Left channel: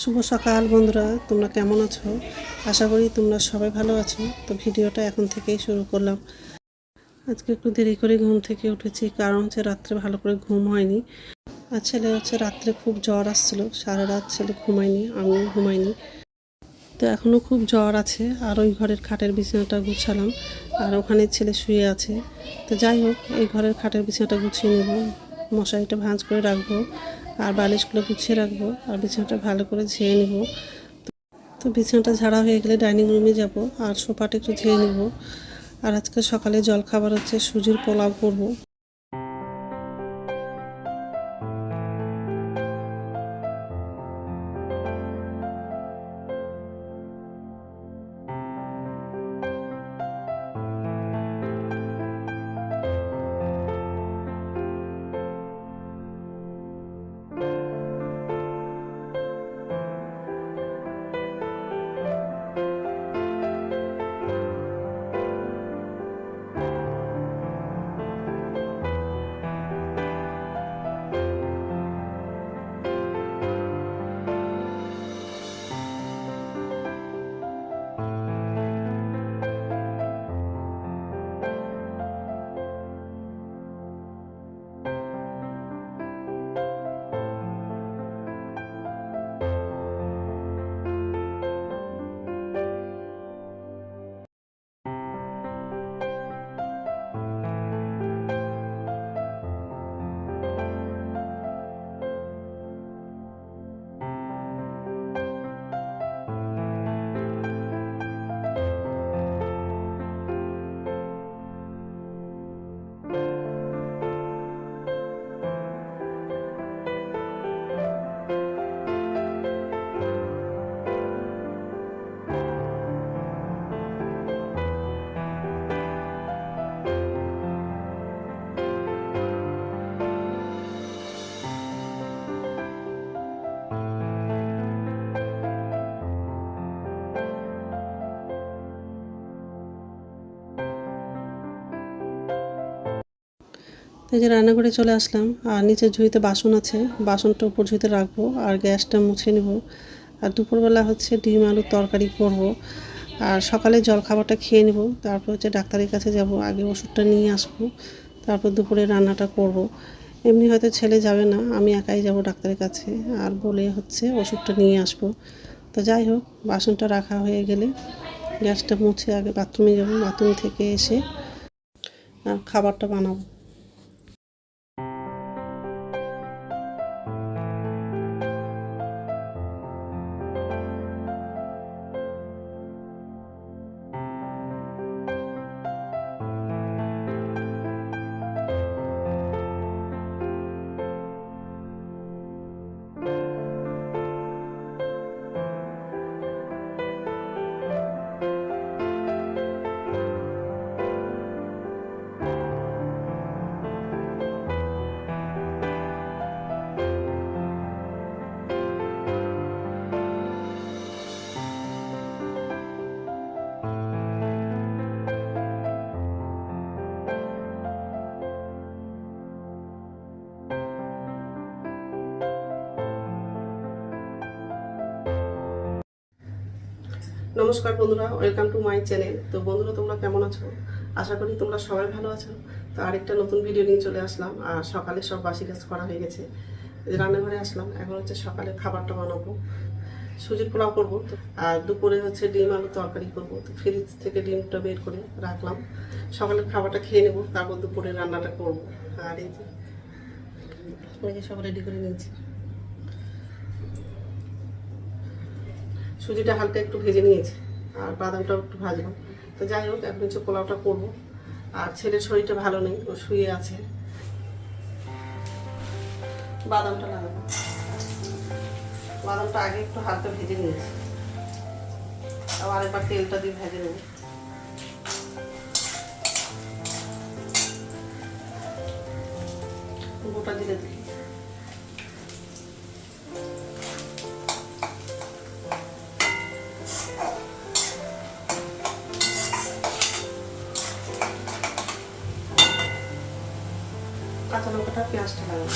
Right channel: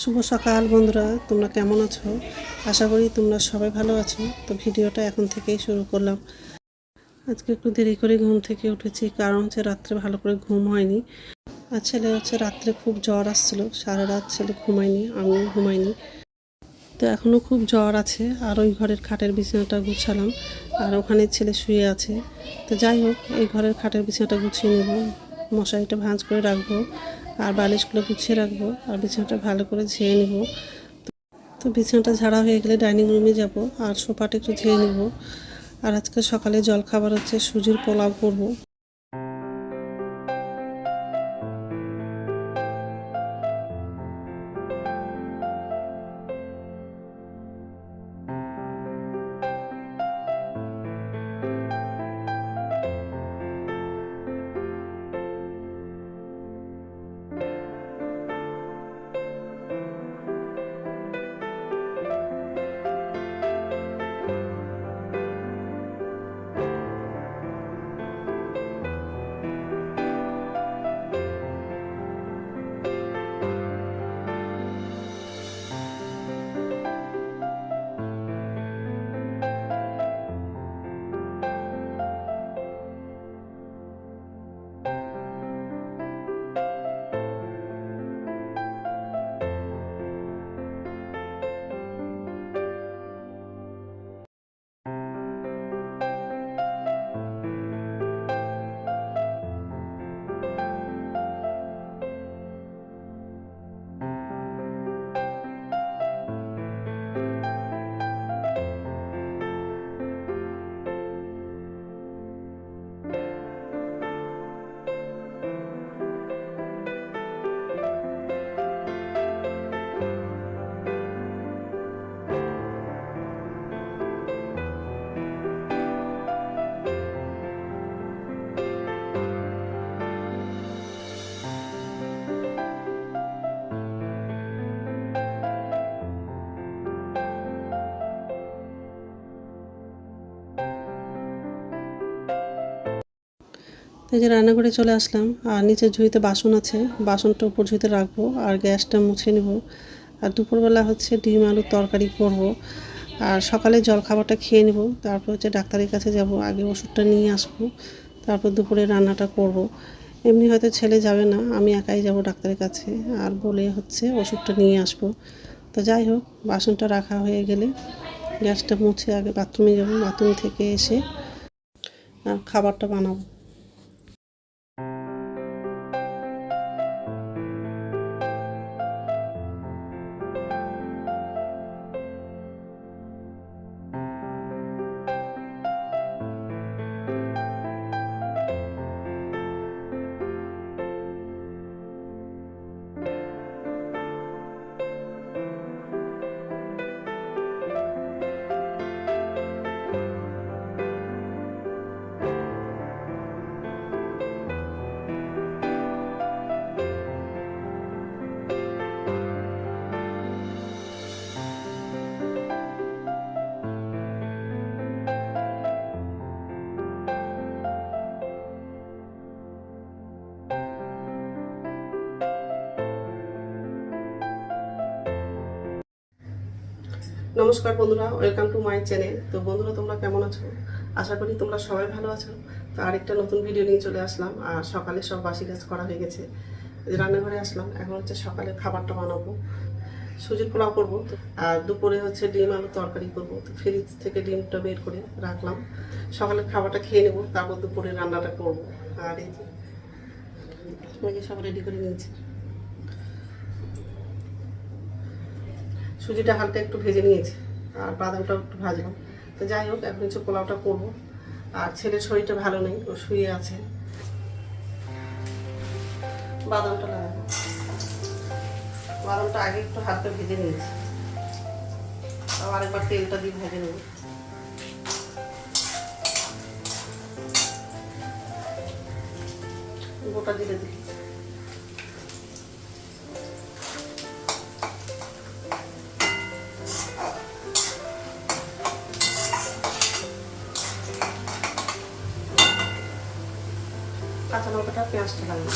শুভ সকাল বন্ধুরা, তোমরা কেমন আছো? আশা করি তোমরা সবাই ভালো আছো। তো ভিডিওটা এখন থেকেই শুরু করলাম। আজকে একটু দেরি করে ঘুম থেকে উঠেছি, কারণ হচ্ছে রাত্রে ভালো করে ঘুম হয়নি। আর ছেলে হচ্ছে রাত্রে খুব জ্বর আসছিল, সারা রাত ছেলে ঘুমায়নি, আমিও ঘুমাইনি। তো এখনও খুব জ্বর আছে, আর ওই ঘরের খাটের বিছানাটা গুছালাম, আর ওখানে ছেলে শুয়ে আছে। তো যাই হোক, এই ঘরের খাটের বিছানাটা গুছিয়ে নেব, মশারিটা ভাঁজ করে রাখব। আর বালিশগুলো গুছিয়ে রাখব আর বিছানাটা ভালো করে ঝেয়ে নেব। তো বিছানাটা ঝাড়া হয়ে গেলে ডাইনিং রুমে যাব আর সোফাটা একটু ঝেয়ে নেব। আর আজকে সকালে জল খাবার হচ্ছে, সুজির পোলাও করব। এই যে রান্নাঘরে চলে আসলাম, আর নিচে ঝুড়িতে বাসন আছে, বাসনটা উপর ঝুড়িতে রাখব, আর গ্যাসটা মুছে নেব। আর দুপুরবেলা হচ্ছে ডিম আলুর তরকারি করব, আর সকালে জল খাবারটা খেয়ে নেব, তারপর হচ্ছে ডাক্তারের কাছে যাব, আগে ওষুধটা নিয়ে আসব, তারপর দুপুরে রান্নাটা করব। এমনি হয়তো ছেলে যাবে না, আমি একাই যাব ডাক্তারের কাছে, আর বলে হচ্ছে ওষুধটা নিয়ে আসব। তো যাই হোক, বাসনটা রাখা হয়ে গেলে গ্যাসটা মুছে আগে বাথরুমে যাব, বাথরুম থেকে এসে আর খাবারটা বানাবো। নমস্কার বন্ধুরা ওয়েলকাম টু মাই চ্যানেল তো বন্ধুরা, তোমরা কেমন আছো? আশা করি তোমরা সবাই ভালো আছো। তো আরেকটা নতুন ভিডিও নিয়ে চলে আসলাম। আর সকালে সব বাসি কাজ করা হয়ে গেছে। রান্নাঘরে আসলাম। এখন হচ্ছে সকালে খাবারটা বানাবো। সুজির পোলাও করব। আর দুপুরে হচ্ছে ডিম আলু তরকারি করব। তো ফ্রিজ থেকে ডিমটা বের করে রাখলাম। সকালের খাবারটা খেয়ে নেব। তারপর দুপুরে রান্নাটা করব। আর এই যে সব রেডি করে নিয়েছি। সুজিটা হালকা একটু ভেজে নিয়েছি, আর বাদামটাও একটু ভাজলাম। তো যাই হোক, এখন হচ্ছে পোলাওটা করব। আর ছেলের শরীরটা ভালো নেই, ও শুয়ে আছে। বাদামটা লাগাবো। বাদামটা আগে একটু হালকা ভেজে নিয়েছি। আবার একবার তেলটা দিয়ে ভেজে নেব। গোটা দিলে দিই আচ্ছা, কাঁচা লঙ্কাটা পেঁয়াজটা লাগবে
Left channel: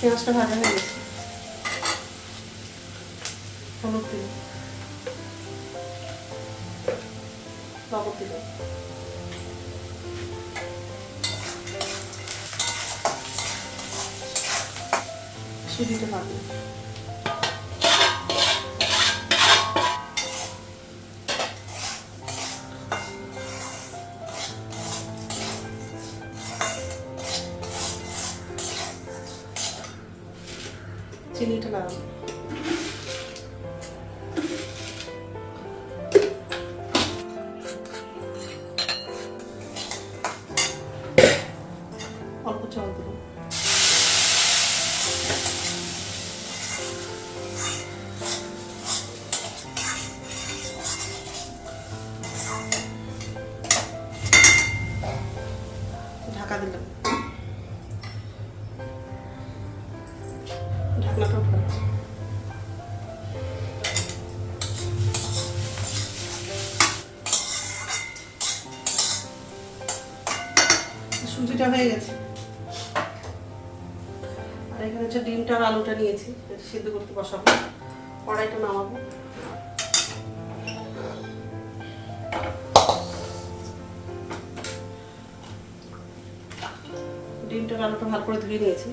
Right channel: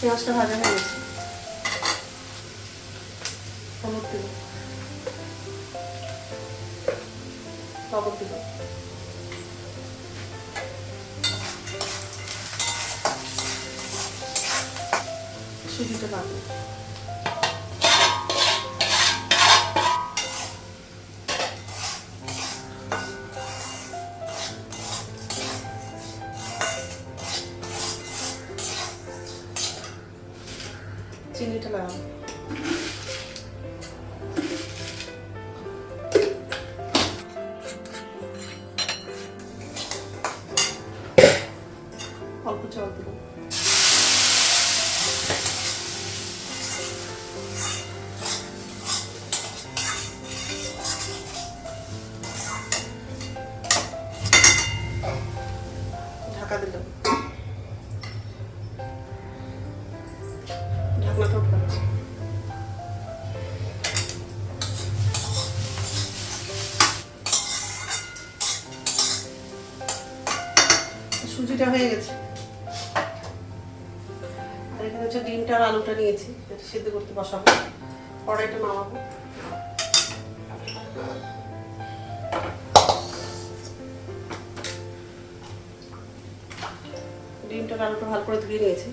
পেঁয়াজটা ভাজা হয়ে গেছে। হলুদ দিল লবণ দিল সুজিটা অল্প চাল দেবো ঢাকা দিলাম ঢাকনাটা উঠাবো সুজিটা হয়ে গেছে। আর এখানে হচ্ছে ডিমটা আর আলুটা নিয়েছি সিদ্ধ করতে বসাবো। কড়াইটা নামাবো। ডিমটা আলুটা ভালো করে ধুয়ে নিয়েছি।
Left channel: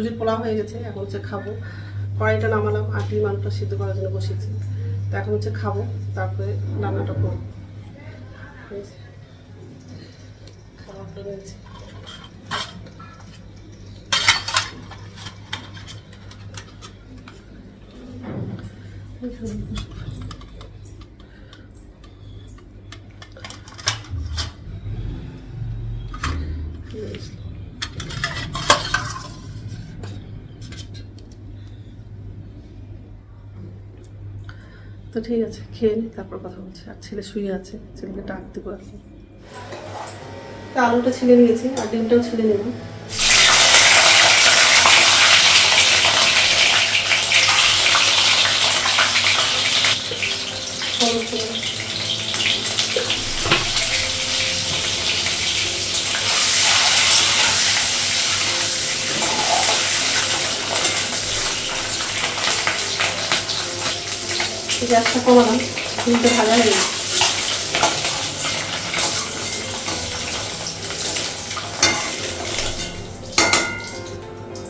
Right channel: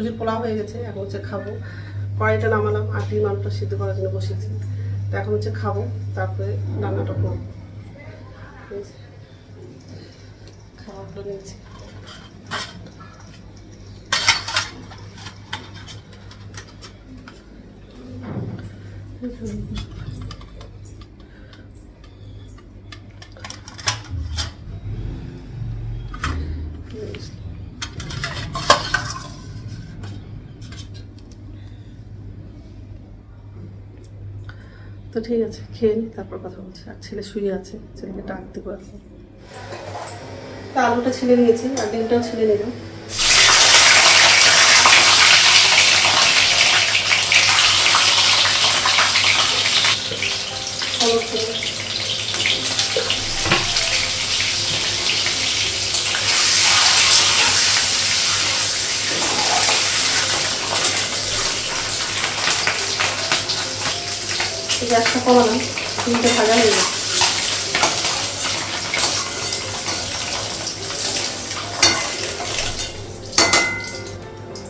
সুজির পোলাও হয়ে গেছে, এখন হচ্ছে খাব। কড়াইটা নামালাম, আর ডিম আলুটা সিদ্ধ করার জন্য বসেছি। তো এখন হচ্ছে খাব, তারপরে রান্নাটা করব। খাবারটা নিয়েছি তো ঠিক আছে, খেয়ে নি, তারপর কথা বলছি। আর ছেলে শুয়ে আছে, ছেলেকে ডাক দেবো তা আলুটা ছিঁড়ে নিয়েছি, আর ডিমটাও ছিঁড়ে নিলাম হলুদ দিলাম। গ্যাসটা কমালাম ডিমটা ভাজা হয়ে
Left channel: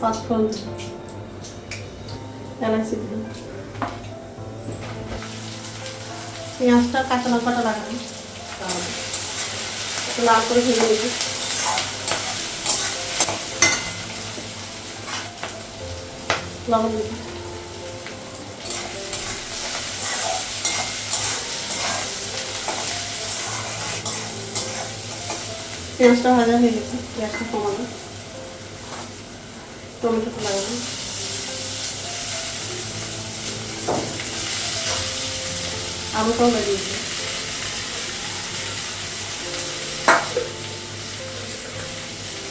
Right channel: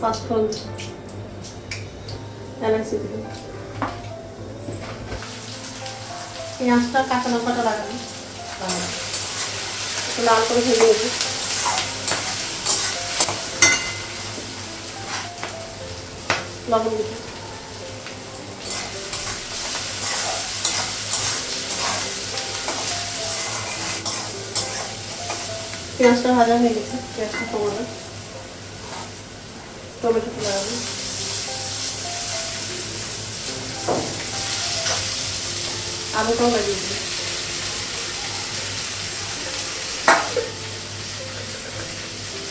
পাঁচফোড়ন এলাচি দিলাম পেঁয়াজটা কাঁচা লঙ্কাটা লাগালাম। লাল করে ভেজে নেব। লবণ দিলাম। পেঁয়াজটা ভাজা হয়ে গেছে পেঁয়াজটা কমালাম টমেটোটা লাগালাম আলুটাও লাগিয়ে দিলাম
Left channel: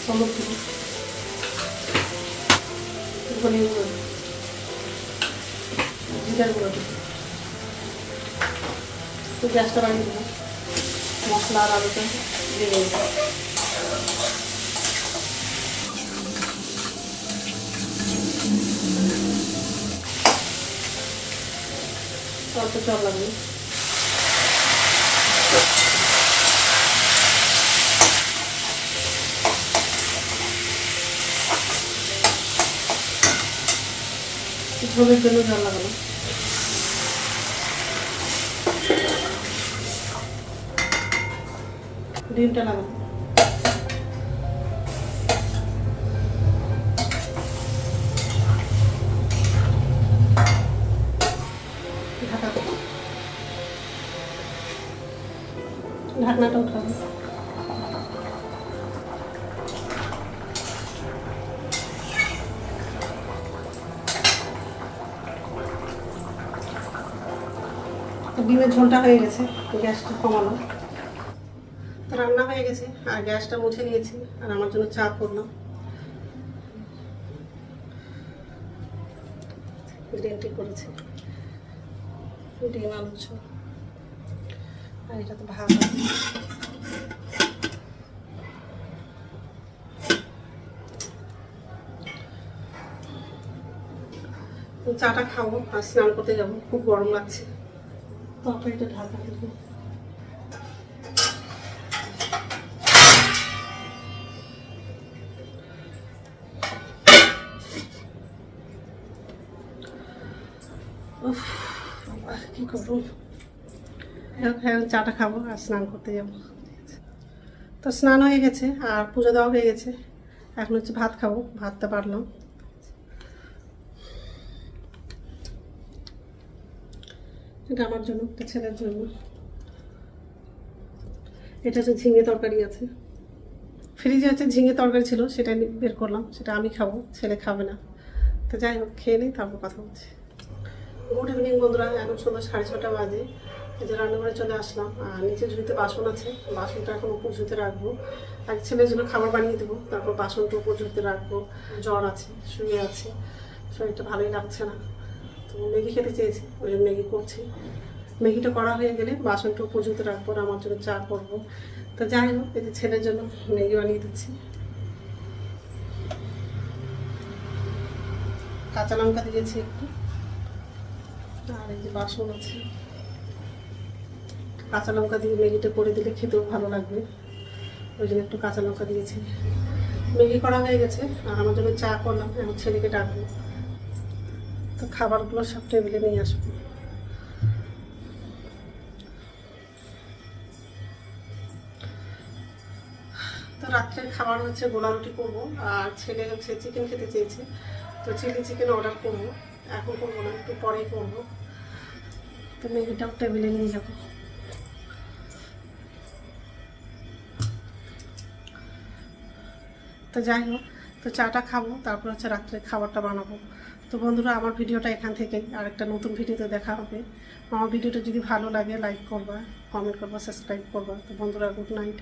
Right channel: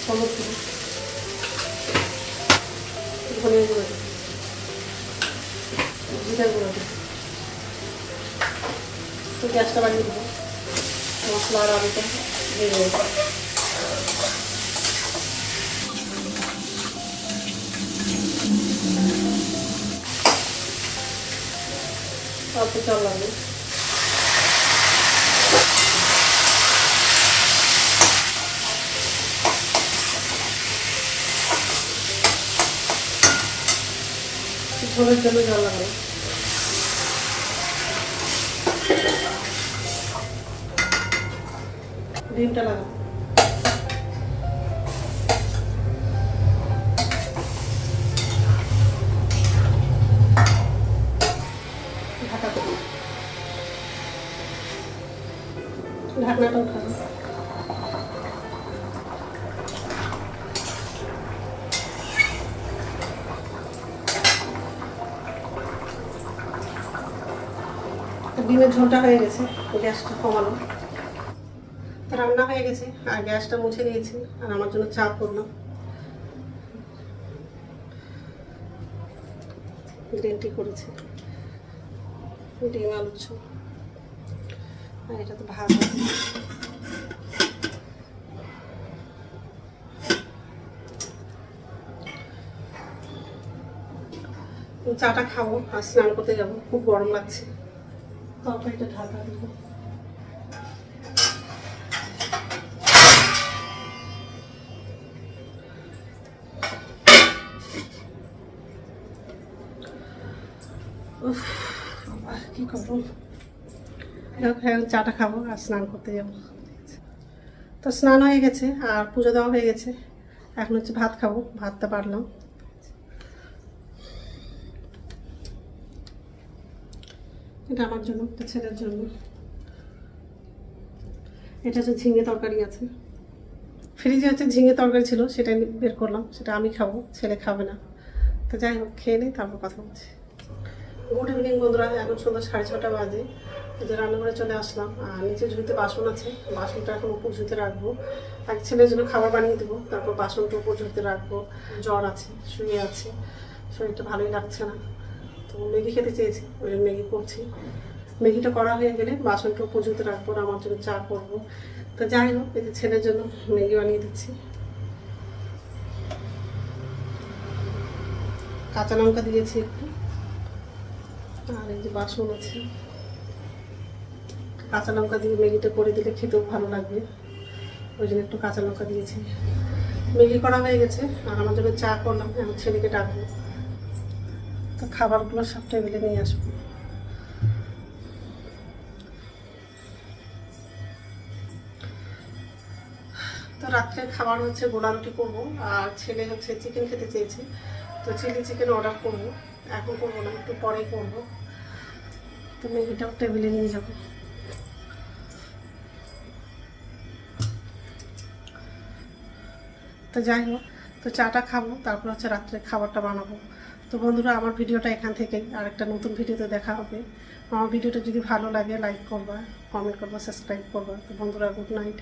হলুদ দেবো ধনিয়া গুঁড়ো জিরা গুঁড়ো দেবো গ্যাসটা লাগিয়ে দেবো মশলা আর আলুটা দিয়ে দেবো অল্প চাল লাগবে ঝোলের জন্য জল লাগবে ডিমটা লাগাবো। ঢাকনাটা ডিমের ঝোলটা হয়ে গেছে গ্যাসটা তো রান্না হয়ে গেছে, আর গ্যাসটা মুছে নিয়েছি, আর আমার জন্য চা করলাম। গ্রিন টি করেছি। ডিম আলু আর এটা তো ভাত চাটা খাব, আর স্নান করতে যাব, খুব গরম লাগছে। তরকারিটা ঢাকা দেবো। কি করব? এখন চাটা খাব আর স্নান করতে যাব। তো স্নান হয়ে গেছে আর পুজো দেওয়া হয়ে গেছে। এখন হচ্ছে ভাত খাব, ভাতটা পারলাম এটা আমার জন্য ছেলের জন্য। এটা হচ্ছে ঝিঙে তরকারি আছে। ফ্রিজে হচ্ছে ঝিঙে তরকারি ছিল, সেটা বের করলাম, সেটা আমি খাব, ছেলে খাবে না। তো যাই হোক, খেয়ে নিই, তারপর কথা বলছি। গুড ইভিনিং বন্ধুরা, এখন সন্ধ্যা সাড়ে ছটা বাজে। এই যে রান্নাঘরে চলে আসলাম, আর নিচে ঝুড়িতে বাসন আছে, বাসনটা এখন উপর ঝুড়িতে রাখব। এক ছেলের জন্য খাবার বানিয়ে দেবো, তারপর বাসনটা উপর ঝুড়িতে রাখব। জ্বর আছে, শুয়ে আছে, শরীরটা ভালোই লাগছে না। তো ম্যাগি খেতে চেয়েছি, ওই জন্য ম্যাগি করছি। ম্যাগিটা করা হয়ে গেলে বাসনটা উপর ঝুড়িতে রাখব আর আমার জন্য চা করব। তো যাই হোক, এই যে ছেলের জন্য ম্যাগি বানিয়ে দিচ্ছি। কাঁচা লঙ্কা দিয়েছি একটু। আর এই যে বাসন আছে, কাঁচা লঙ্কা দিয়ে ম্যাগিটা করে দিলে খেতেও ভালো লাগবে। ওই জন্য একটু কাঁচা লঙ্কা দিয়েছি। ম্যাগি করা হয়ে গেছে, আর আমার জন্য চা করলাম, এখন ছেলেকে ডাকবো। তো খাবারগুলো সব টেবিলে নিয়ে আসব। তো রাত্রে খাবার হচ্ছে গোলা রুটি করব, আর ছেলে হচ্ছে চিকেন খেতে চেয়েছে। তো চিলি চিকেন অর্ডার করব। এখন করব না, একটু পরেই করব। তো এটাও টেবিলে নিয়ে যাব তো যাই হোক, তো চাটা খাব, তারপর হচ্ছে রাত্রে খাবারটা বানাবো। তো বন্ধুরা, আমার ভিডিওটা এখান থেকেই। আর একটা নতুন ভিডিওতে দেখা হবে। আমার ভিডিওটা যদি ভালো লাগে লাইক করবা কমেন্ট করবা সাবস্ক্রাইব করবা। তো বন্ধুরা গুড নাইট